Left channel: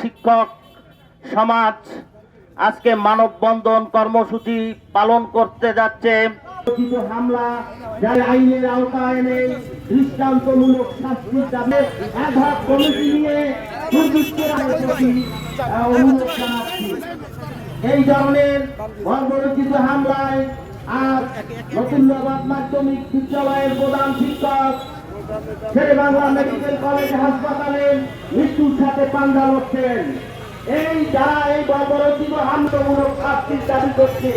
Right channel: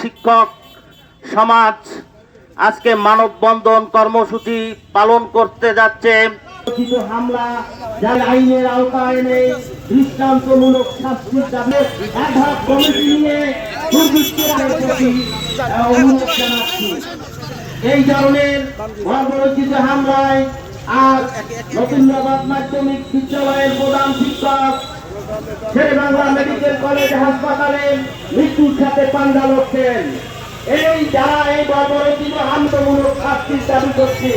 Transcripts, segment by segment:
শিক্ষক সমাজ আজকে মানববন্ধন কর্মসূচি পালন করতে যাচ্ছে। হামলা যার আইনের আওতায় নেই, দৃষ্টান্তমূলক শাস্তির দাবি অ্যাডহক কমিটি নিয়ে অনুরোধ জানাচ্ছি। এই ধরনের বর্বরোচিত হামলায় আজ নতুনবাদ মাধ্যমিক বিদ্যালয়ের প্রধান শিক্ষক শেরেবাংলা মেডিকেল কলেজ হাসপাতালে মৃত্যুর সাথে পাঞ্জা লড়ছেন। এই যারা এই বর্বরোচিত হামলামূলক শাস্তির দাবি করছে,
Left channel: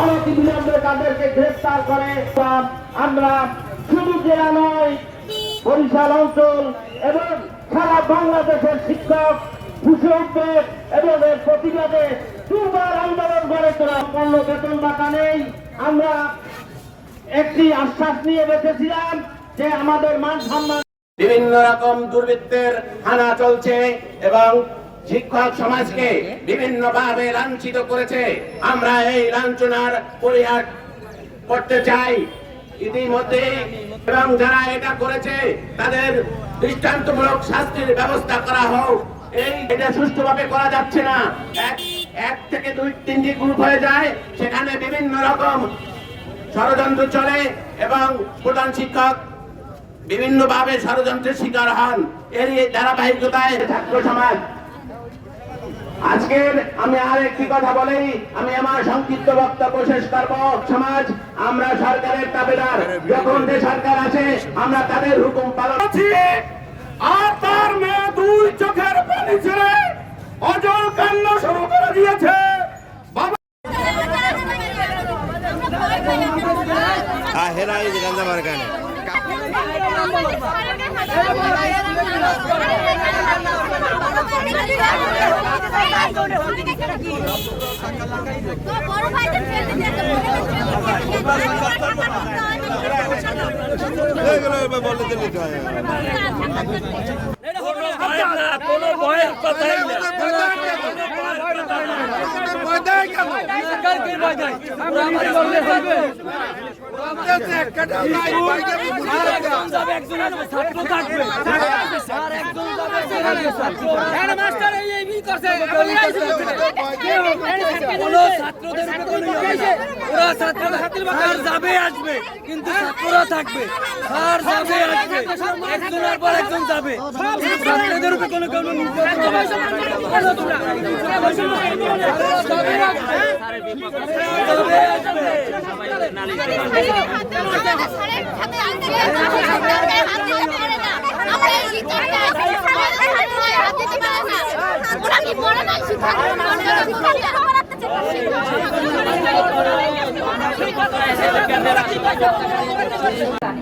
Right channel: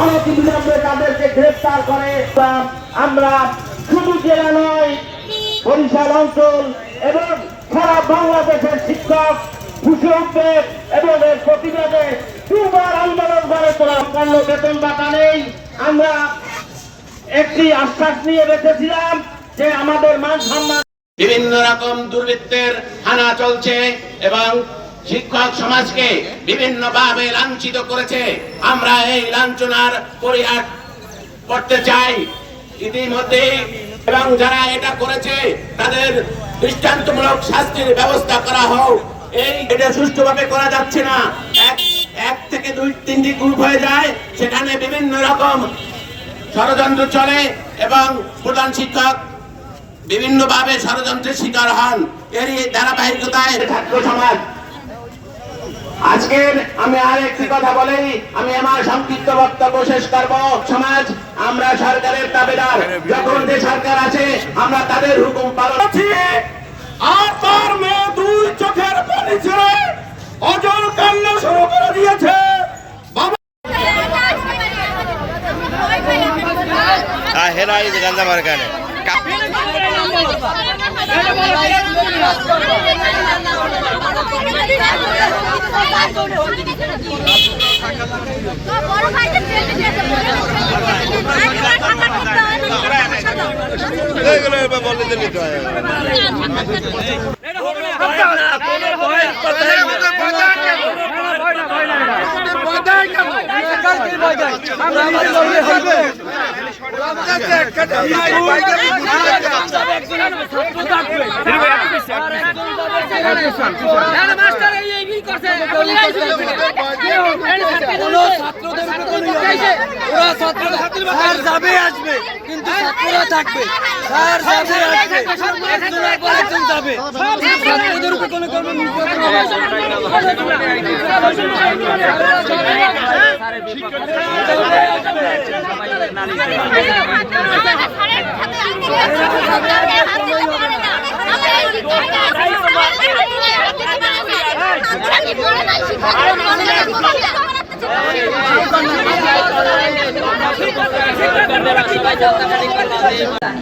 অনতিবিলম্বে তাদেরকে গ্রেফতার করে। আমরা শুধু জেলা নয়, বরিশাল অঞ্চল এবং সারা বাংলাদেশের শিক্ষক ফুসে উঠবে এবং এর প্রতিবাদে দুবার আন্দোলন গড়ে তোলা। পূর্ণ বেতন ভাতা নেই, আমরা একটি আশ্বাস নিয়ে রেখেছিলাম যে আমাদের মান সম্মান। বিভিন্ন রকম দুর্বৃত্তের হানা চলছে এবং শিক্ষক সমাজকে বিভিন্নভাবে লাঞ্ছিত করেছে। আমরা এই লাঞ্ছনার পরিহার করতে চাই ইতিমধ্যে, এবং যারা এটা করেছে তাদের দৃষ্টান্তমূলক শাস্তির ব্যবস্থা করা হোক। এটা সুষ্ঠুভাবে করা যাচ্ছে না। এক থেকে দুই তিনটি গ্রুপ হয়ে যায়, সেখানে বিভিন্ন রকম ষড়যন্ত্র চলে এবং প্রধান শিক্ষক বিভিন্নভাবে ষড়যন্ত্রের শিকার হন। এর ধারাবাহিকতায় ছাত্র সমাজ আজকের আমি আর একটি কথা বলেই আমি আমার সংক্ষিপ্ত বক্তব্য শেষ করব। সমাজ আমরা সরকারের দাবিদার, যখন যে সরকার আছে আমরা তাদের হুকুম পালন করছি। আর তার মেয়ে দুই চোখের পানি ছেড়ে অজর কান্না শুরু করে দিয়েছে। আসবে কিন্তু ছাত্ররা থাকবে, স্যার যাবে আসবে, একজনের পর একজন যাবে, ছাত্রদের উপর কোনো নির্যাতন হবে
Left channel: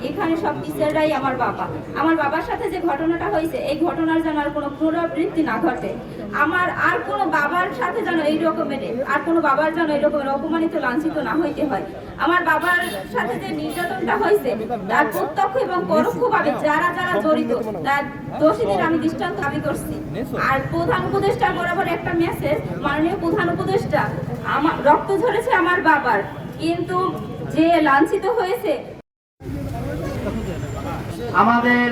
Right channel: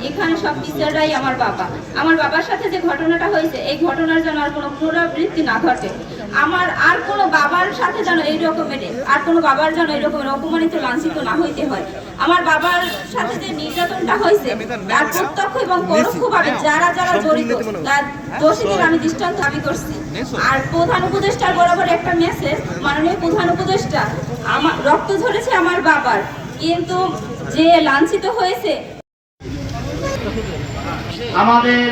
এখানে সব টিচাররাই আমার বাবা। আমার বাবার সাথে যে ঘটনাটা হয়েছে, এই ঘটনার যেন আর কোনো পুনরাবৃত্তি না ঘটে। আমার আর কোনো বাবার সাথে যেন এই রকমের, আর কোনো বাবার যেন এই রকমের অপমানিত লাঞ্ছিত না হইতে হয়। আমার বাবার সাথে যে নির্যাতনটা হয়েছে, তার প্রত্যক্ষ এবং পরোক্ষভাবে যারা যারা জড়িত, তার দোষীদের আমি দৃষ্টান্ত দাবি করছি। আর প্রধান উপদেষ্টার বরাবর একটা মেসেজ, মাননীয় প্রধান উপদেষ্টা, আমার রক্ত ঝরেছে আমার বাবার, কিন্তু যে লাঞ্ছিত হয়েছে আমাদের